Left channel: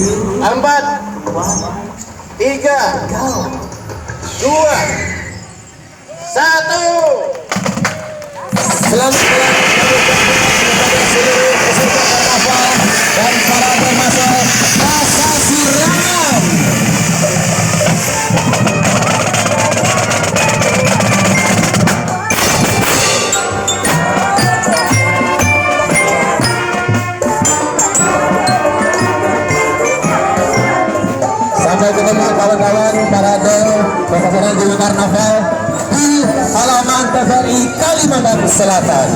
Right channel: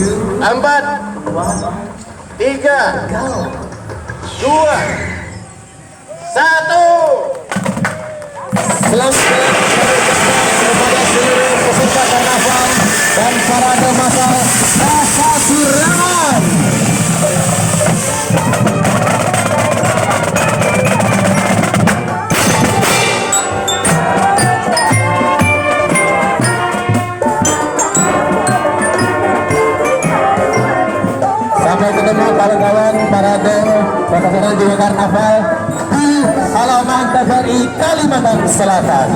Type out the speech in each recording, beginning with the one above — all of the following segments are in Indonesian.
4, 3, 2, 1. Dan parade masal Rasa Sirangan. Sampai ketemu kawan-kawan parade pelaksanaan juga karnaval di halaman TVRI Kalimantan Selatan.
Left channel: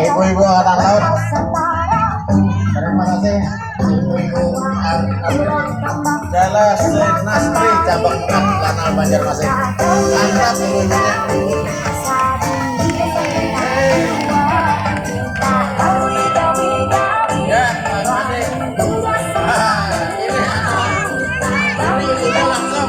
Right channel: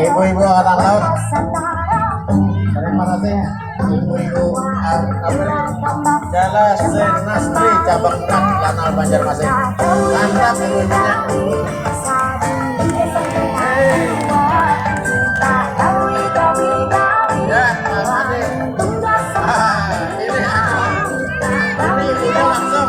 ibu-ibu angkatan laut. Terima kasih ibu-ibu Jala Senastri cabang 4 Lanal Banjarmasin. Mantap ibu-ibunya. Ya, makasih. Ini ibu langsung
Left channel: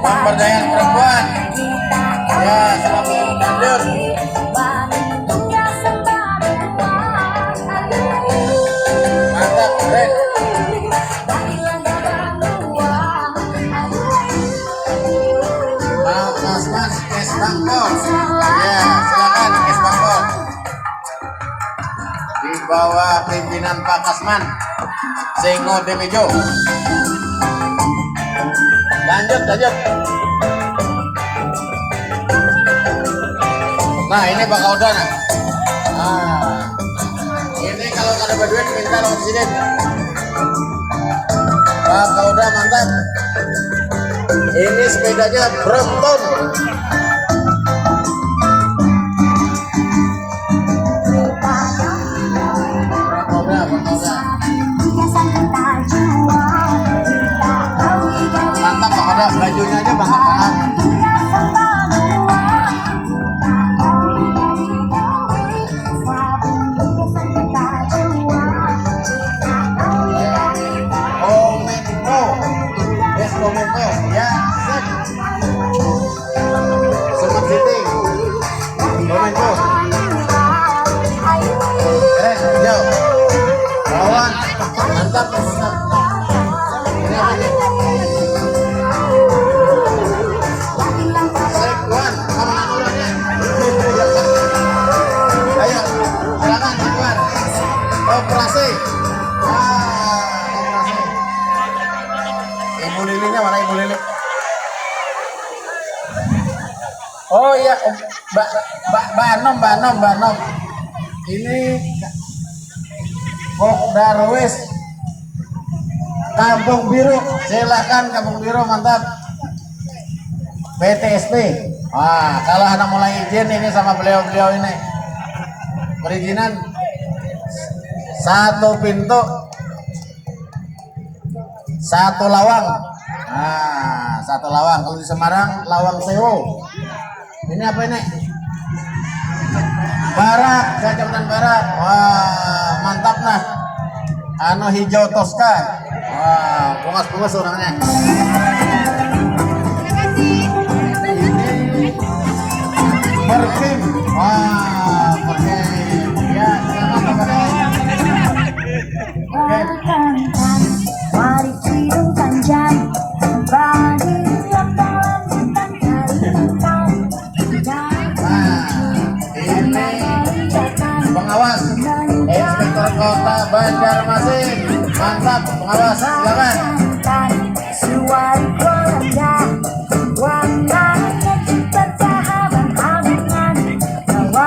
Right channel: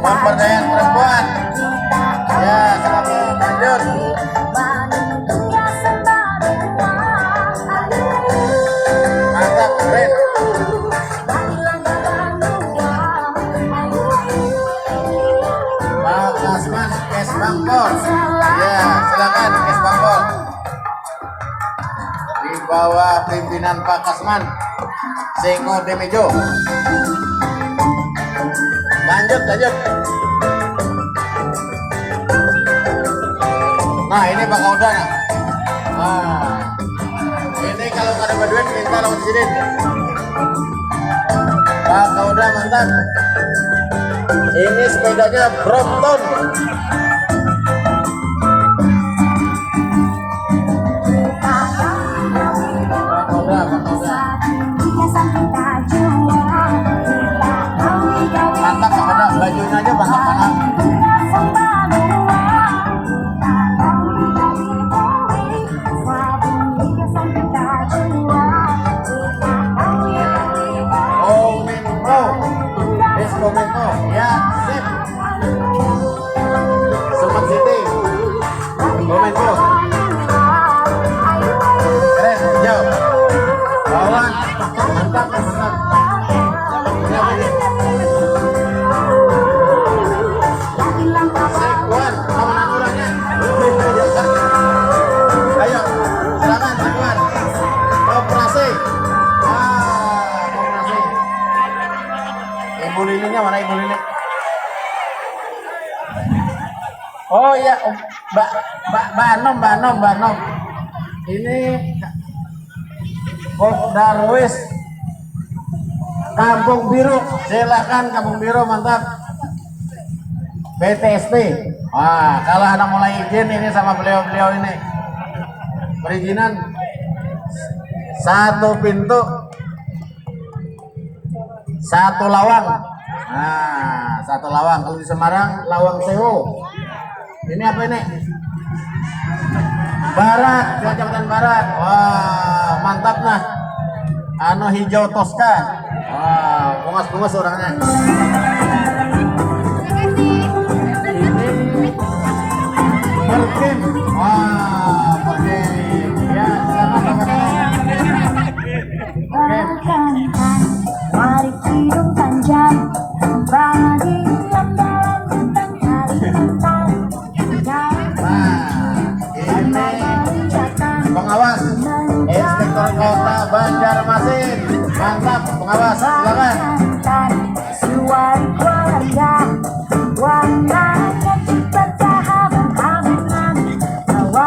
pemberdayaan perempuan. Ya, selamat lanjut. Mantap, keren. Mau Kasman, Kes Bangko. Ya, silakan Kes Bangko. Di bawah pimpinan Pak Kasman, Sengo Demejo. Lanjut. Nah, ini Pak Kauda. Nah, ini kalau ada duit minta lawan presiden. Pak Kauda mantap. Ini sepedanya Brompton. Mantap Pak Kauda, bajunya aja mantap banget. Komenko, ya, sip. Semat City, Komenko. Jauh. Bawang, mantap. Ini apa ini? Sekuan, kawanan urannya. Ayo, silakan Sekuan. Operasi. Operasi. Ibu Lilinya mana Ibu Lili? Oh iya, Mbak Anom. Ini Darwis Kampung Biru. Silakan Kampung Biru, mantap. BTSP. Wah, kalau Anda mulai izin ini sama beliau-beliau ini. Perizinan 1 pintu 1 lawang. Nah, 1 lawang. Kalau di Semarang lawang sewo. Ini apa ini? Barak, Kecamatan Barak. Wah, mantap nah. Anu hijau Tosca. Wah, bungas-bungas orangnya. Ini Perkim. Wah, Perkim. Ya, silakan Perkim. Mari cium panjang, bagi lembaran tentang Kalimantan. Pengawas Inspektor Kota Banjarmasin, mantap pengawas, silakan.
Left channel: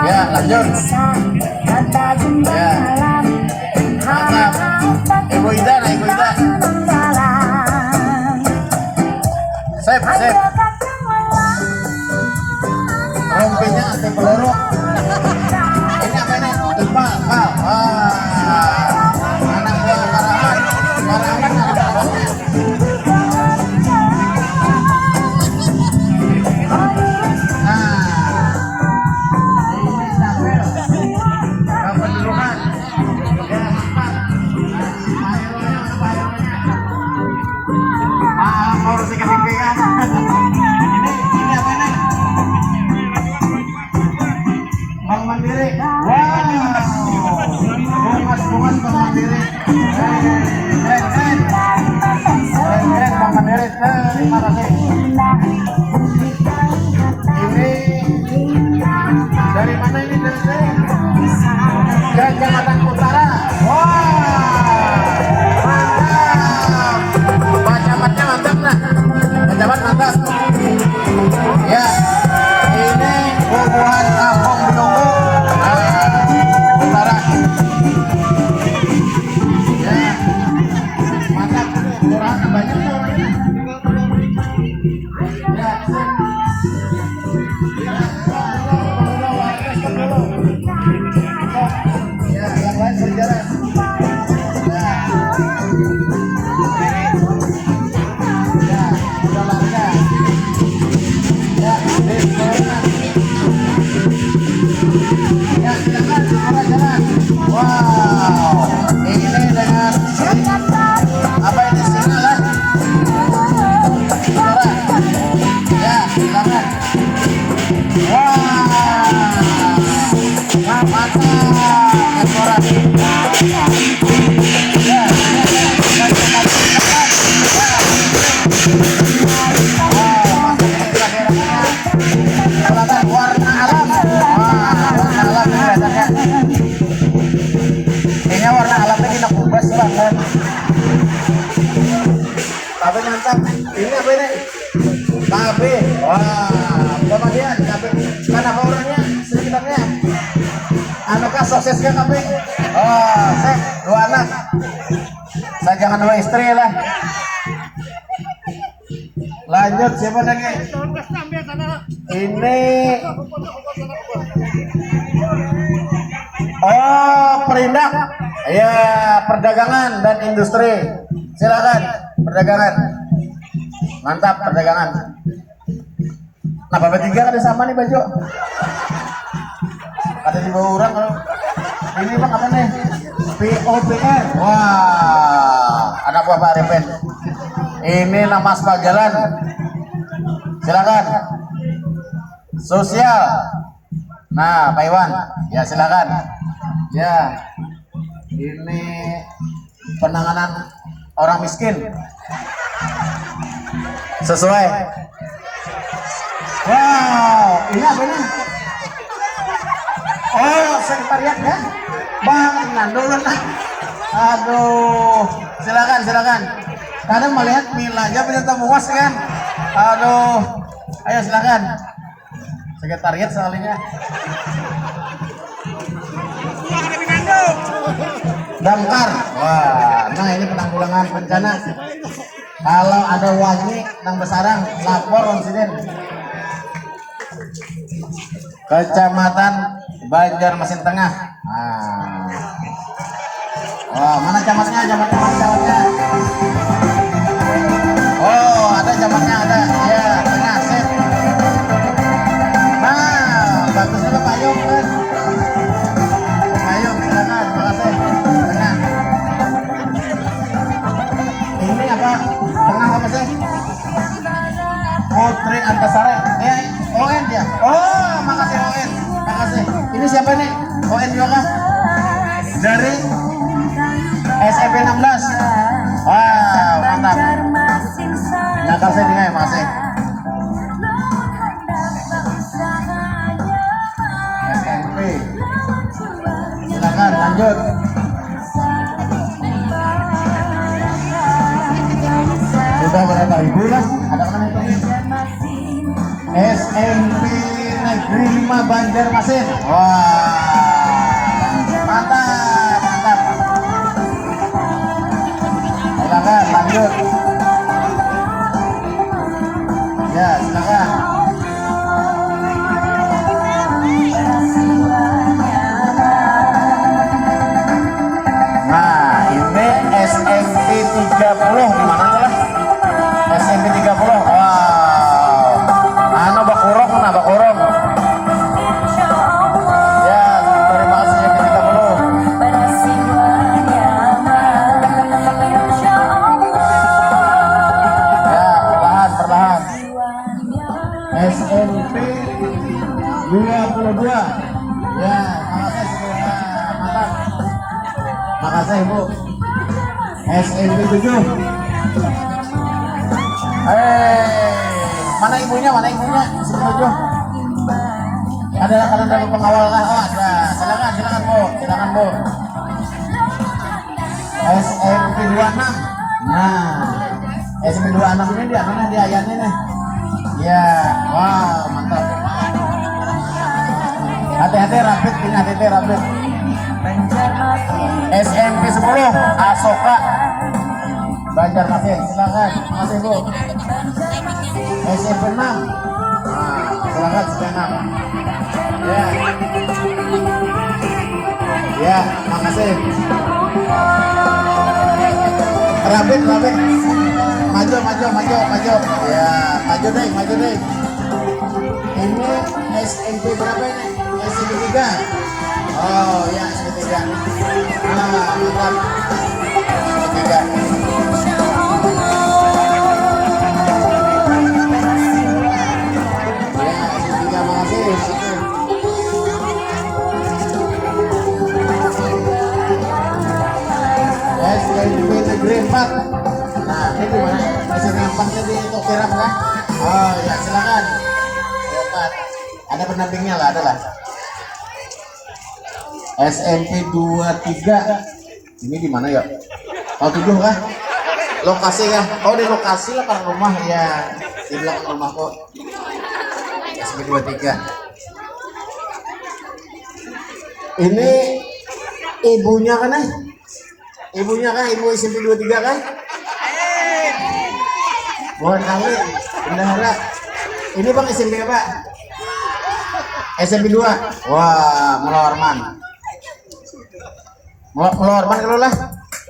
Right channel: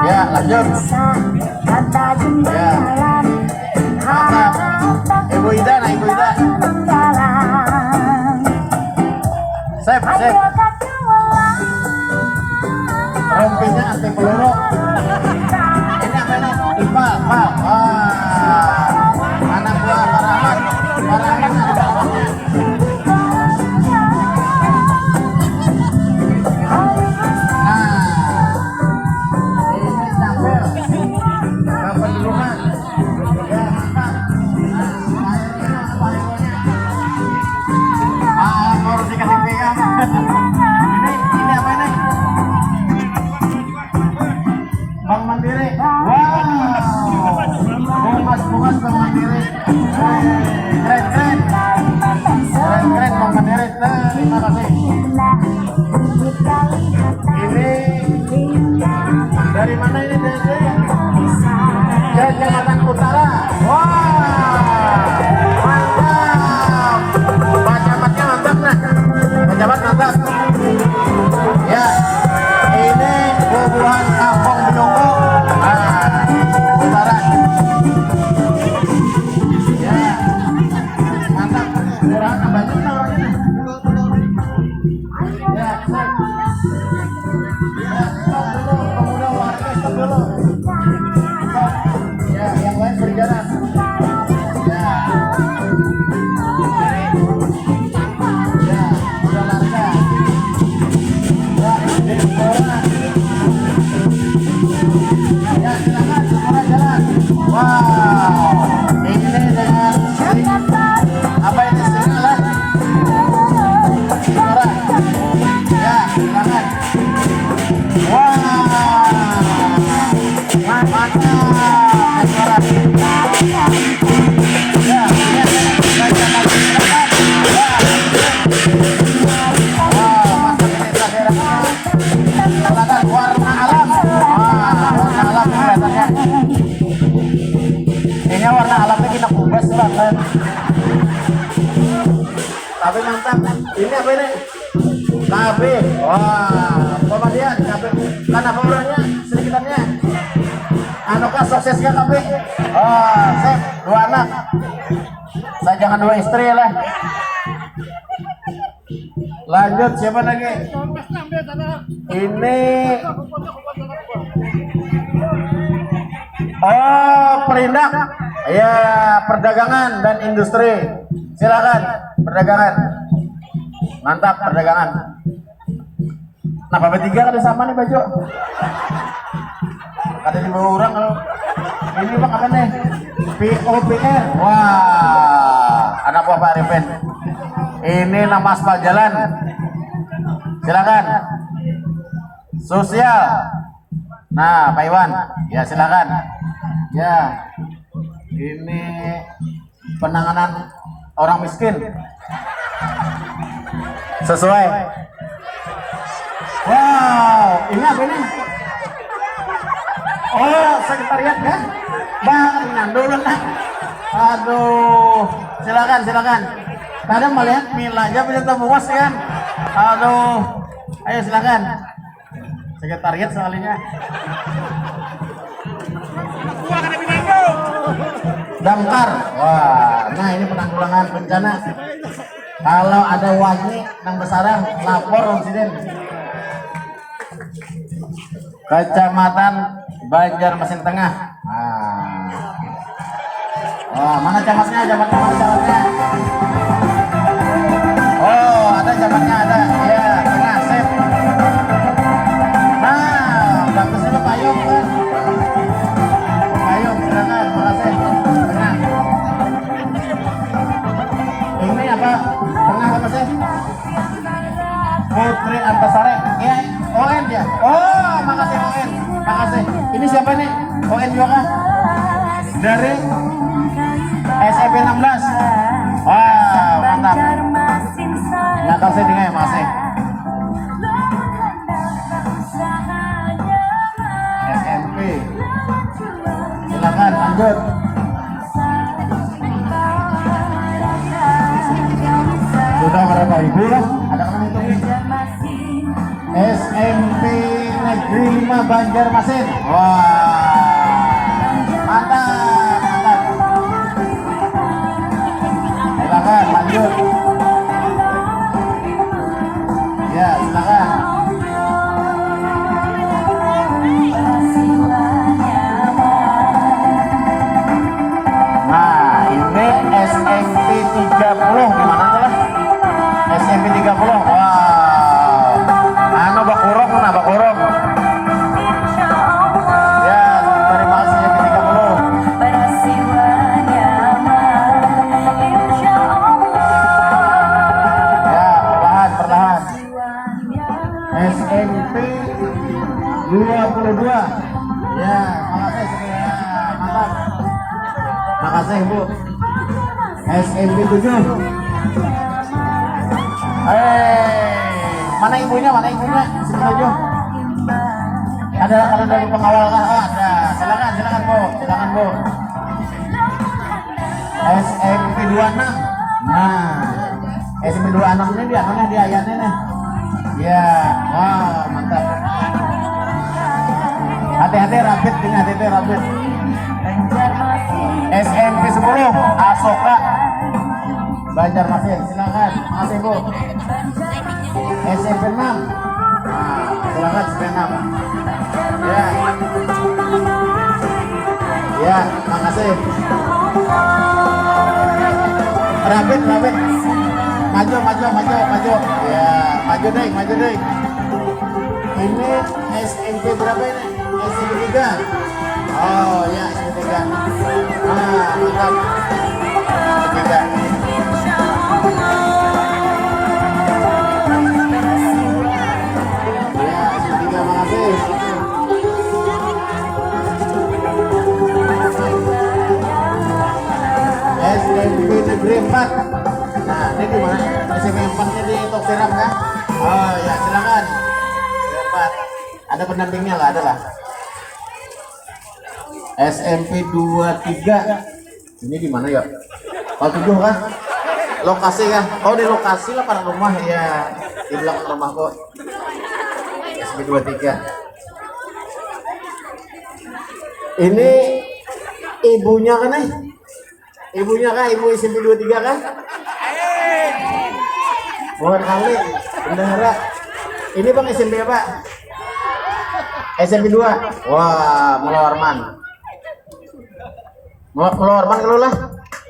Ya, lanjut. Ya, mantap. Ibu Ida. Sip. Rompinya anti peluru. Ini apa ini? Ipal. Wah, anak buah Karaman. Karamannya ada Karamannya. Ini Capel. Kependudukan. Ya, mantap. Mau kasih pegang. Ini apa ini? Bang anu kah suksesnya kambing. Oh, sip, 2 anak. Saya jangan 2 istri lah. Lanjut, siapa lagi? Ini perindak. Ya, perdagangan dan industri. Silakan, perdagangan. Mantap, perdagangan. Nah, Bapak 3 ada sama nih baju. Ada di bawah orang kalau ini bang apa nih? POPR. Wah, anak buah Pak Arifin. Ini nama aspal jalan. Silakan. Sosial. Nah, Pak Iwan. Ya, silakan. Ya. Ini penanganan orang miskin. Sesuai. Wow, ini apa ini? Oh, sekretariat ya? Bang Nando lah. Aduh, silakan. Kadang melihat nilainya bisa muas kan? Aduh, ayo silakan. Sekretariat sekalinya. Damkar. Wah, nah ini penanggulangan bencana. Kalau ada wangi nang besarang, lapor insiden. Kecamatan Banjarmasin Tengah. Nah. Oh, mana camatnya? Camatnya. Oh, ada camatnya ada. Ya, tengah sip. Nah, bagus juga Pak Yum kan. Pak Yum, silakan. Makasih. Tengah. Ini apa? Tengah apa sih? Putri Antasari. Ya, ON ya. Oh, makasih ON. Makasih. Ini siapa nih? ON juga kah? Dari SMP 16. Wow, mantap. Makasih nih, makasih. SMP. Silakan lanjut. Sudah berapa ribu lah? Ada kan itu? SMP Negeri 5 Banjarmasin. Wah, mantap. Silakan lanjut. Ya, silakan. Nah, ini SMP 30 gimana tuh lah? SMP 30. Wow. Anu bakurong. Ya, terima kasih SMP 30. Ya, perlahan. SMP 22. Ya, makasih segera. Mantap. Makasih Bu. SMP 7. Mana ibunya? Sini 7. Ada kalau dari pengawal kah? Oh, ada. Silakan Bu. SMP 26. Nah, SMP 26 ini dia mana dia ayatnya nih? Ya, wow, mantap. Hati-hati rapid. SMP 10 Asoka Banjarmasin. Silakan. Makasih Bu. SMP 6. Nah, silakan SMP 6. Ya, makasih. Rapid. Maju. Ya, maju deh. Ini SMP berapa ini? SMP 3. Oh, ya SMP 3. Nah, mantap. SMP 3. SMP Negeri 4. Nah, ini di mana? SMP 4-nya di Tokiram kan? Oh ya, silakan. SMP 4. Ada pendampingnya lah, ada lah. SMP 23. Ini di mana ya? Oh, 7 kah? Lokasi kah? Oh, di lokasi lah pada rumah ya. Di belakang rumahku. SMP 23. Ini ibunya kan Ibunya kan, ibu SMP 23 kan? Bukan kali, bendahara. Ini bang SMP apa? SMP 2. Wah, Mula Warman. Mula Warman kalau lah.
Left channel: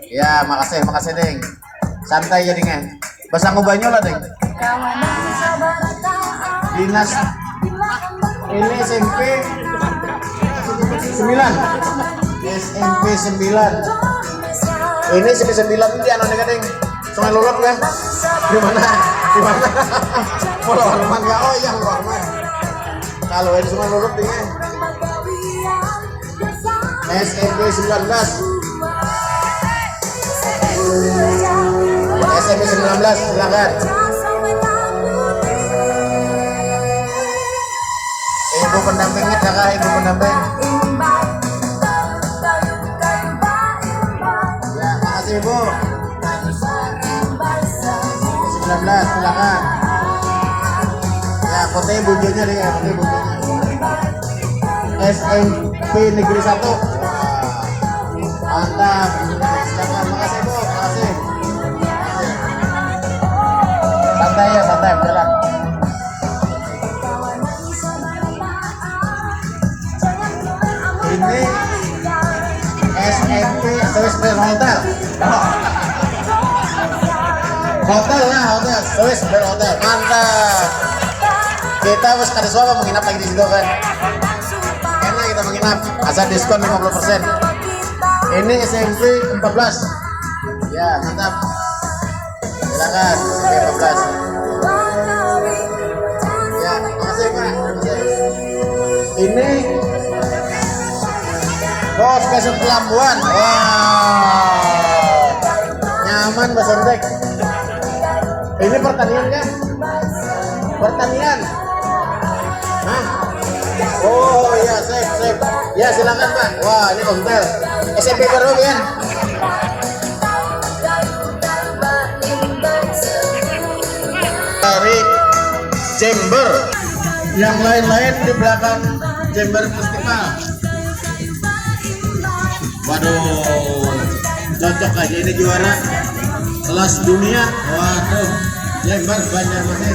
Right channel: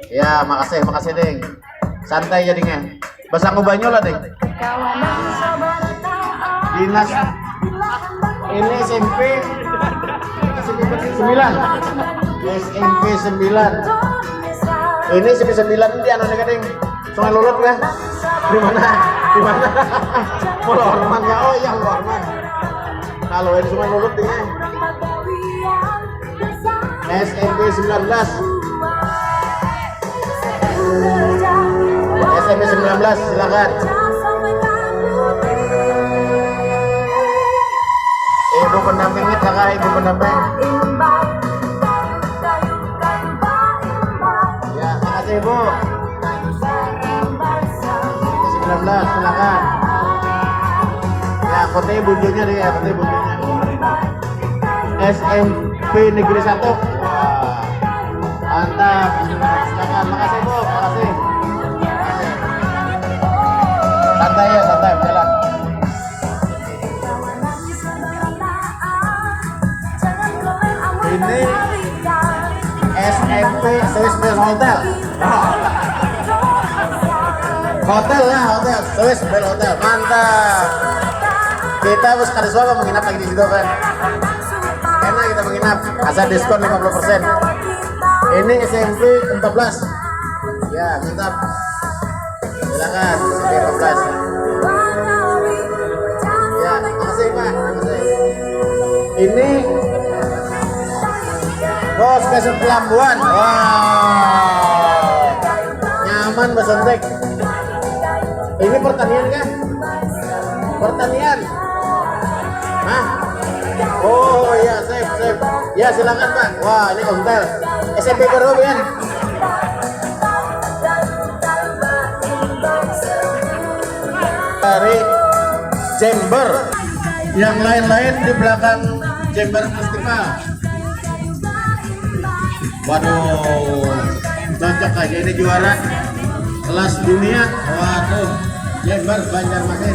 Ya, makasih Deng. Santai jadinya. Basang banyo lah Deng. Dinas ini SMP 9. SMP 9. Ini SMP 9 di anu nih Deng. Sungai Lulut ya. Di mana? Mula Warman ya. Oh iya, Mula Warman. Kalau ini Sungai Lulut ya. SMP 19. SMP 19 silakan. Ibu pendampingnya kakak, ibu pendamping. Ya, makasih ibu. 19 silakan. Ya, fotonya bujunya nih, fotonya bujunya. SMP Negeri 1. Mantap. Silakan, makasih ibu, makasih. Santai ya, santai berjalan. Ini SMP Swiss Bell Hotel. Hotel lah, hotel Swiss Bell Hotel. Mantap. Kita harus kada soal menginap lagi di situ kan. Karena kita menginap, asal diskon 50%. Ini SMP 14. Ya, mantap. Silakan SMP 14. Ya, makasih Pak. Ini Bos Besok Pelambuan. Wow, nyaman Bos Ontek. Ini pertanian kan? Pertanian. Nah. Oh iya, sip. Ya silakan Pak. Wah, ini hotel. SMP berapa ya? Dari Jember. Yang lain-lain di belakang Jember Festival. Waduh, cocok aja ini juara kelas dunia. Waduh, Jember Banjarmasin.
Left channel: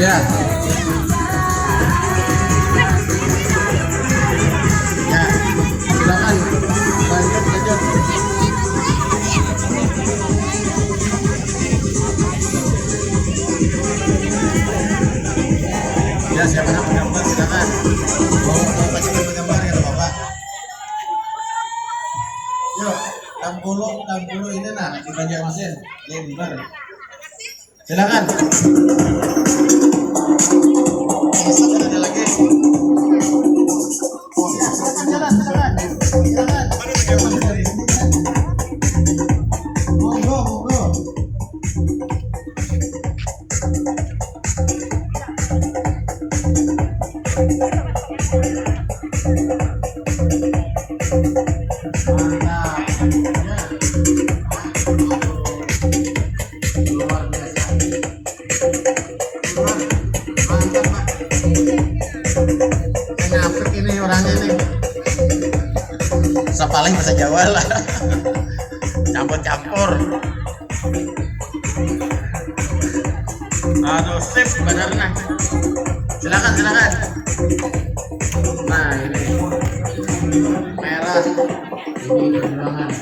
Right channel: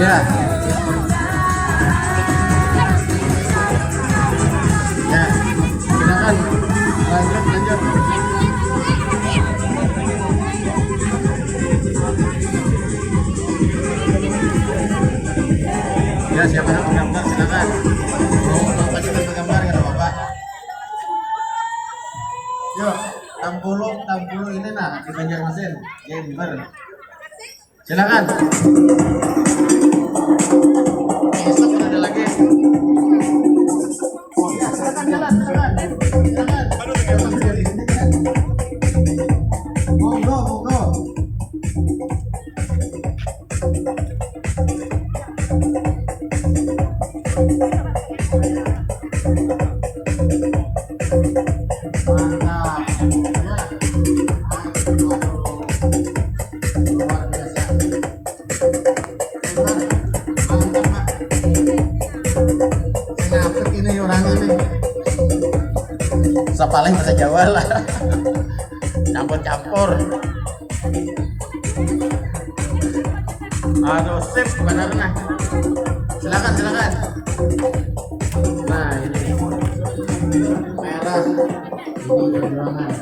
Ya. Ya, silakan lanjut. Ya, siapa yang menggambar silakan. Bapak coba menggambar ya Bapak. Yuk, Tampulu ini nah di Banjarmasin, Jember. Silakan. Besok ada lagi. Ya, silakan. Monggo. Paling bahasa Jawa lah. Campur. Aduh, sip benar nah. Silakan. Nah, ini merah. Ini perjuangan.